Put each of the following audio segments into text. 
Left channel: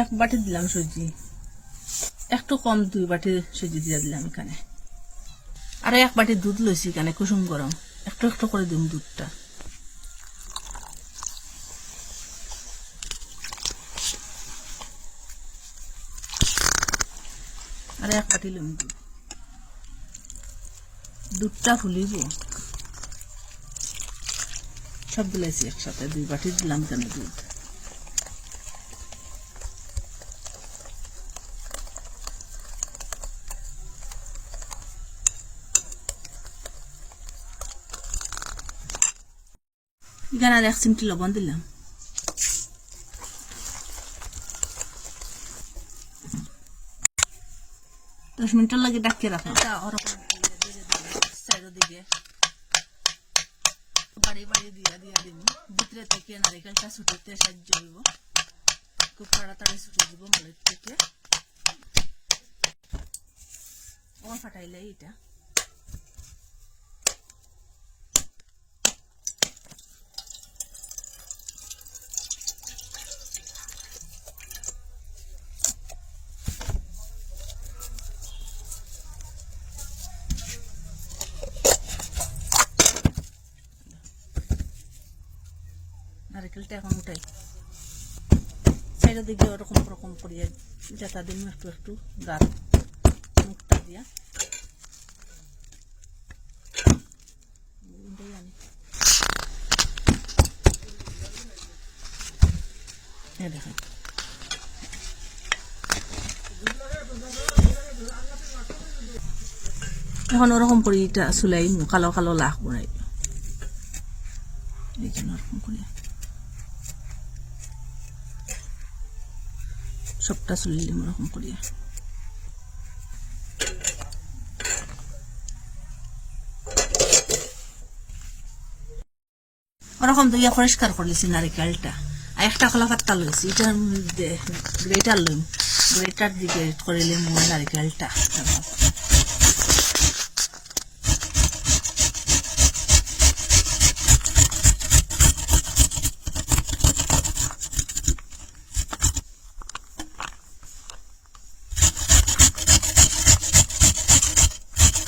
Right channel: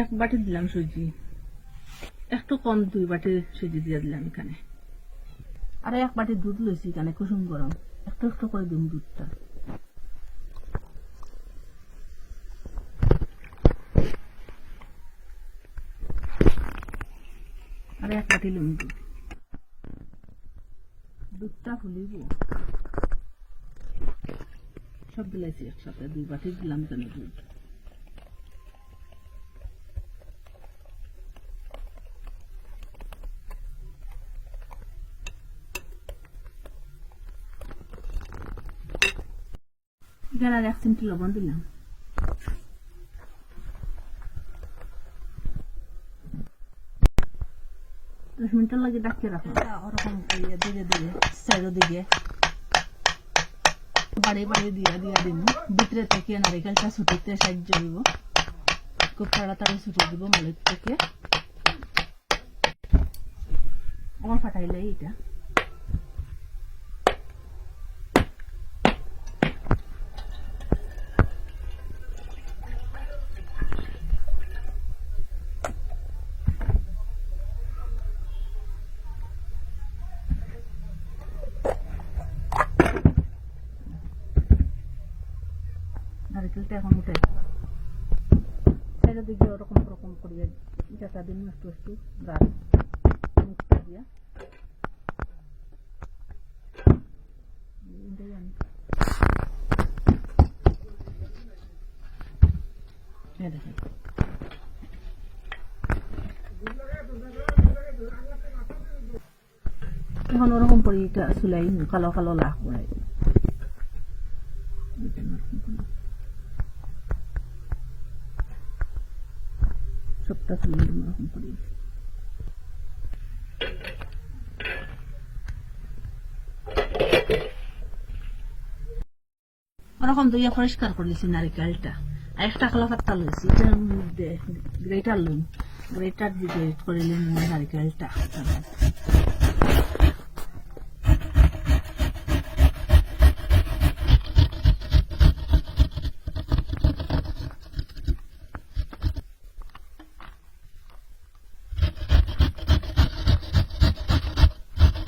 এক বাটি দিলাম সুজি, একটু কম 2 বাটি সুজি দিয়ে দিলাম এখানে। আর এক বাটি দুধ লইছি এখানে কুসুম গরম, একটু একটু করে দিম দুধটা। আর এক বাটি লুম দুধ, দুধটা ফুলিব। সব দিলাইছি একসাথে, 2 বাটি দিলাম কেন দুধ। এখানে আর 1 চিমটি লবণ দিলাম। দশ মিনিটের লাগে ডাকিয়ে রাখলাম। ওরকম দিকে দিকে সাইডের দিকে বাড়ি বাড়ি দিয়া দিয়া দিব। ভিতরে থেকে নারিকেলটা ছুটিতে সাহায্য দিব, খুব তাড়াতাড়ি ছুটে দিব মালিক থেকে। আমার ফাটাইলে এটা নারিকেলটা এখন উঠে সাইডের দিকে ওরকম ওরকম করিয়া যেটা দিন একটু একটু গাছ মুখটা দিয়া দেখেন। এখন ওরকম করি এটা চুলাই কালো কালো লাখ বনাই ওরকম করে সবটা চুলাই দিম ওরকম করিয়া। ওরকম তো পরিষ্কার করেছি নারিকেলটা। আর একটা কলা পাত্তা লইছি, এটার মধ্যে গ্রেটার লইম, গ্রেটার দিয়ে গ্রেট করে নিলাম নারিকেলটা।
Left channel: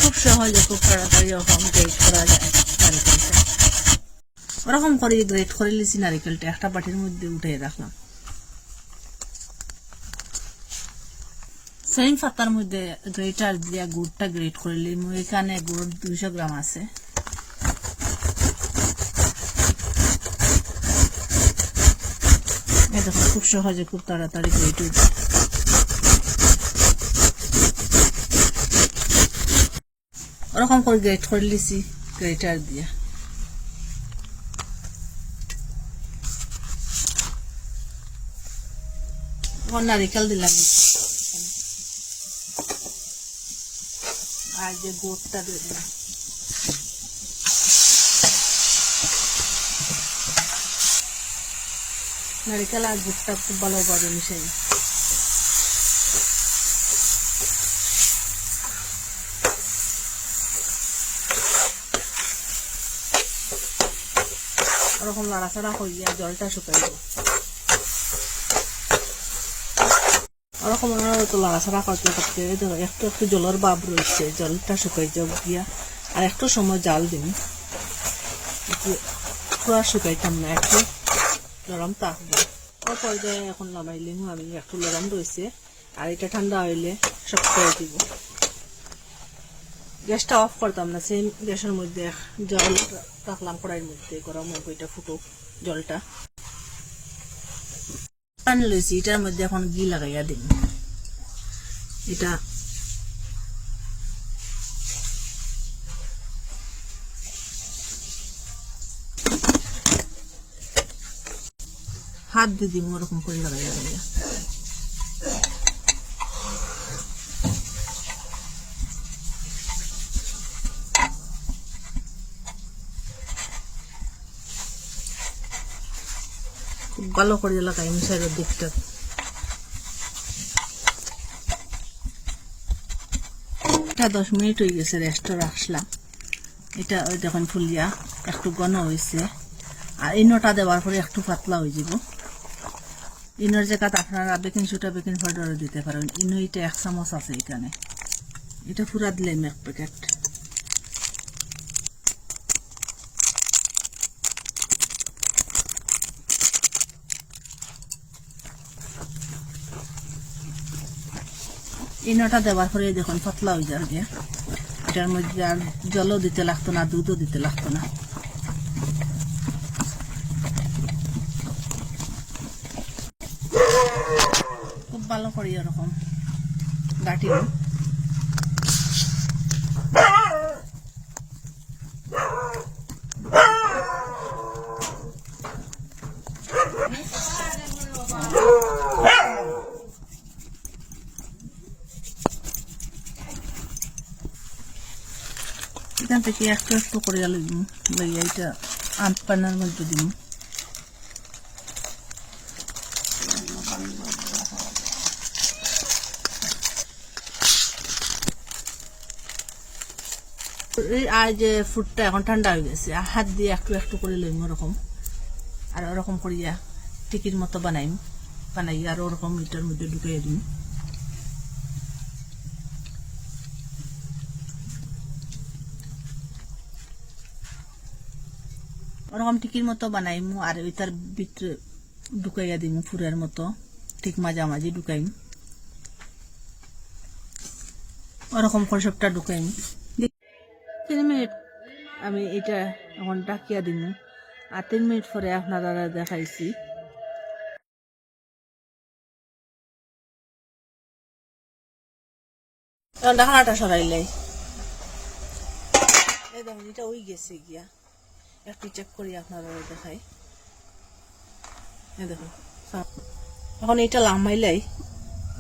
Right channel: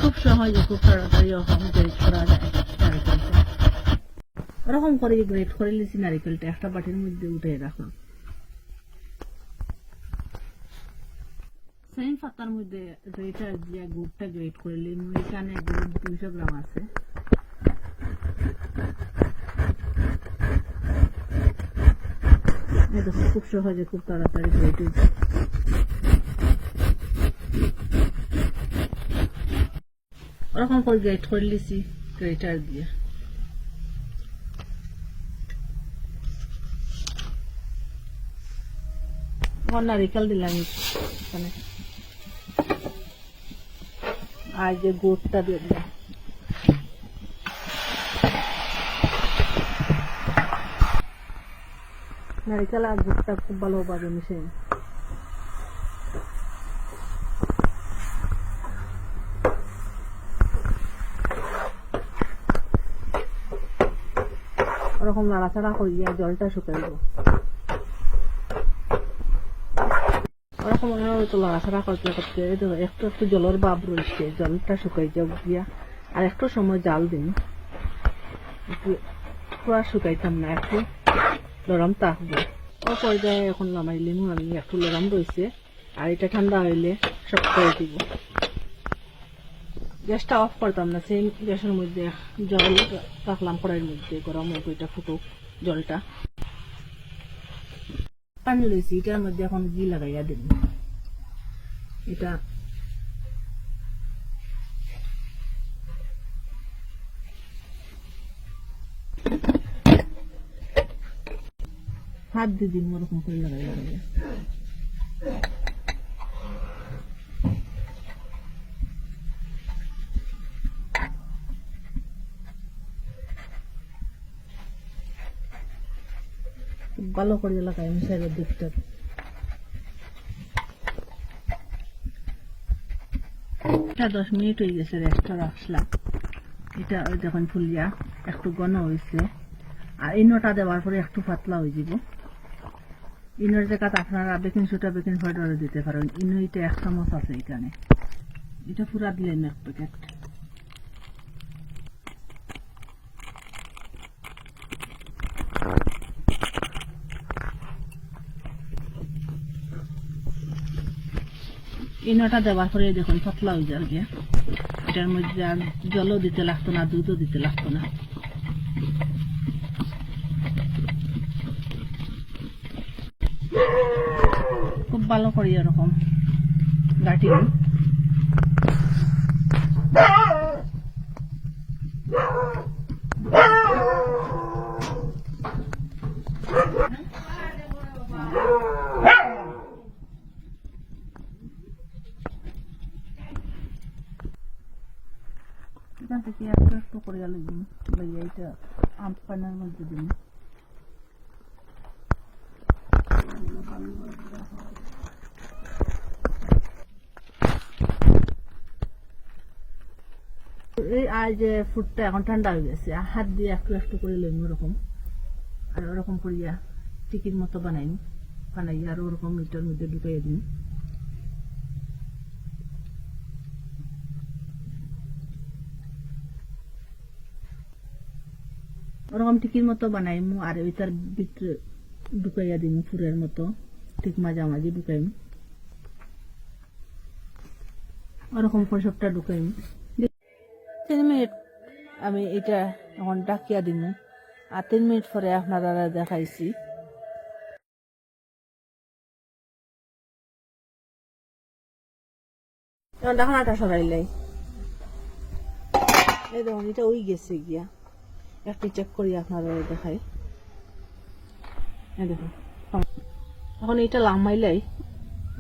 খুব সহজে খুব তাড়াতাড়ি ওরকম গ্রেট করা যায় নারিকেলটা। ওরকম করে গ্রেট করে নিয়েছি নারিকেলটা, একটা বাটির মধ্যে উঠে রাখলাম। সেম পাতার মধ্যে গ্রেটার দিয়া গুড়টা গ্রেট করে নিলাম। এখানে গুড় 200 গ্রাম আছে। এই দেখো খুব সহজে খুব তাড়াতাড়ি গ্রেট হয়ে যায়। ওরকম করে গ্রেট করে নিয়েছি গ্রেটার দিয়া। নারিকেল দিলাম এখানে, আর যে গুড়টা দিয়ে দিলাম। নারিকেল আর গুড়টা খুব ভালোভাবে মিশাই। ওরকম নাড়াচাড়া করিয়া জলটা শুকাইব। ওরকম তো লাড়াছাড়া করতে করতে একটু একটু জলের ভাব রয়েছে, জলটা শুকাই যাক গিয়া। আর একটু সময় জাল দিন, পুরা শুকাইতাম না, একটু নরম থাকবো। ও পর্যায়ে এখন নামাইলিম আমি, একটু নরম রয়েছে। আর এটা ঠান্ডা হইলে শক্ত হয়ে দিব। গ্যাসটা অফ করতাম না, সেই গ্যাসের মধ্যে জল রাখলাম কড়াইয়ের মধ্যে, গরম হোক, এটা ফুটুক জলটা। পানি লইছি, এটার মধ্যে এখন ঘি লাগাইয়া দিন। এটা হাত দিয়ে দিম ওরকম করে লাগাইয়া লাগাইয়া। খুব ভালো করে লাগাই সাইডের দিকটা। এটা 10 মিনিট হয়ে গেছে, রেস্টে রাখলাম। এটা ওই দেখুন ফুলিয়া একটু ঘন হয়েছে। আর এই নটা দেওয়ার পরে একটু পাতলা হয়ে যাব। ইনোর জায়গাত আপনারা বেকিং সোডা বেকিং পাউডারও দিতে পারেন। ইনো এটা 1 চামচ আছে এখানে, এটা পুরা দিলেন 1 প্যাকেট। ইনোটা দেওয়ার পরে দেখুন পাতলা হয়ে যাবে গিয়া। এটার মধ্যে আর জলও দিতে লাগতো না, দুধও দিতে লাগতো না। খুব ভালো করি এরকম গাঁটি নিই। এখান থেকে একটু একটু করে দিব, এটা আনপানার মধ্যে দিব। আর যে ফুডটা এখন ঠান্ডা হয়ে গেছে, হাত দিয়ে একটু একটু করে লইম ওরকম, আর ওরকম করিয়া টিকির মতো বানাই আর ওরকম এটার মধ্যে ঢুকিয়ে দিই। ওরকম টিকির মতো বানাইমু আর ওইটার ভিতরে ঢুকাইয়া দিমু ফুরের মতো, ঠিক মাঝামাঝি ঢুকাইম। ওরকম করে সবটা ঢুকাইম। 3 মিনিট আমি এটা এখন ডাকিয়া দিমু, আর 3 মিনিট পরে আপনারা দেখাইছি। ঢাকনাটা সরাইলাই, এই দেখুন এটা ওই গেছে গিয়া, একটু চেক করি আপনারা দেখাই। এই দেখুন এখন এটা লামাইলাই,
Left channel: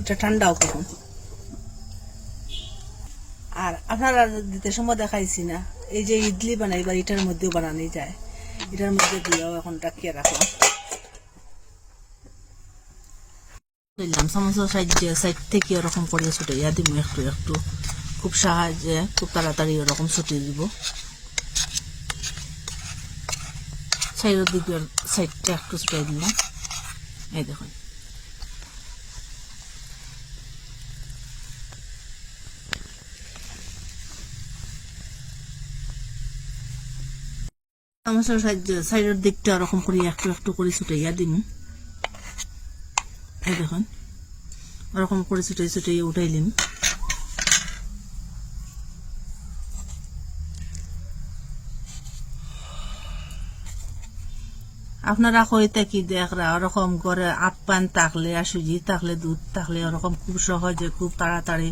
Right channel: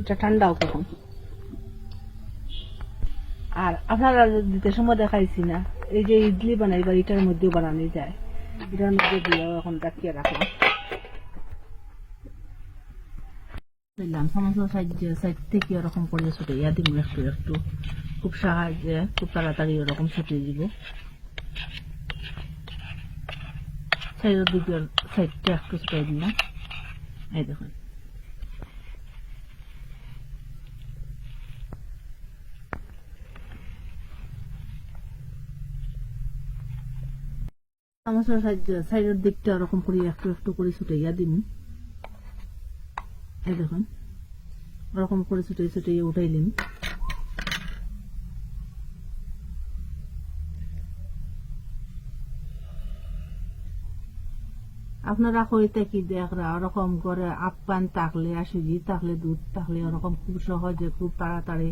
এটা ঠান্ডাও কখন। আর আপনারা দিতে সময় দেখাইছি না, এই যে ইডলি বানাইবার এটার মধ্যেও বানানো যায়, এটার মধ্যে দিয়েও এখন ডাকিয়ে রাখলাম। দিলাম চামচের সাইড থেকে ওরকম করে ছুটাইয়া দিব একটু একটু, খুব সহজে খুব তাড়াতাড়ি ওরকম ছুটিয়ে দিব। সাইডের দিকের সাইডটা একটু ছুটাই দিলাম। এই দেখুন চামচের সাইডের দিকটা ওরকম করে একটু একটু করে ছুটাইয়া দিম। এই দেখুন ওরকম করে ছুটাই ছুটাইয়া উঠাইলিম। আপনারা কইতে কি দেখরা ওরকম করে আপ্যান থাকলে আর সুজি থাকলে দুধ থাকলে ওরকম খুব সহজে খুব তাড়াতাড়ি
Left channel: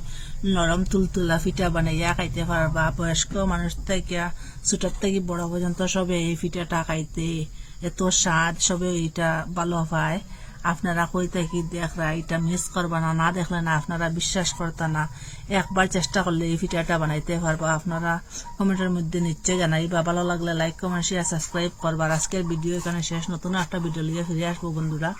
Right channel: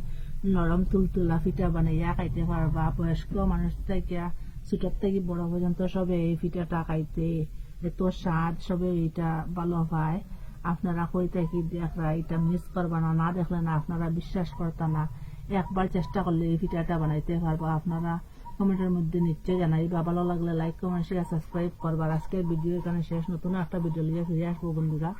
নরম তুলতুলা পিঠা বানাইয়া খাইতে পারবা। বয়স্ক মানুষ থেকে ছোট থেকে বড় পর্যন্ত সবে এই পিঠাটা খাইতে এত স্বাদ, সবে এটা ভালো পায়। আপনারা কইতে কি দেখরা এটা মিস করবা না, না দেখলে না আপনারা বিশ্বাস করতে না, একবার চেষ্টা করলে এই পিঠাটা বানাইতে পারবা। আপনারা কমেন্টের মধ্যে নিশ্চয় জানাইবা, ভালো লাগলে লাইক কমেন্ট শেয়ার সাবস্ক্রাইব করবা। আজকের ভিডিও এখানে শেষ, নতুন একটা ভিডিও নিয়ে ফিরে আসবো বন্ধুরা।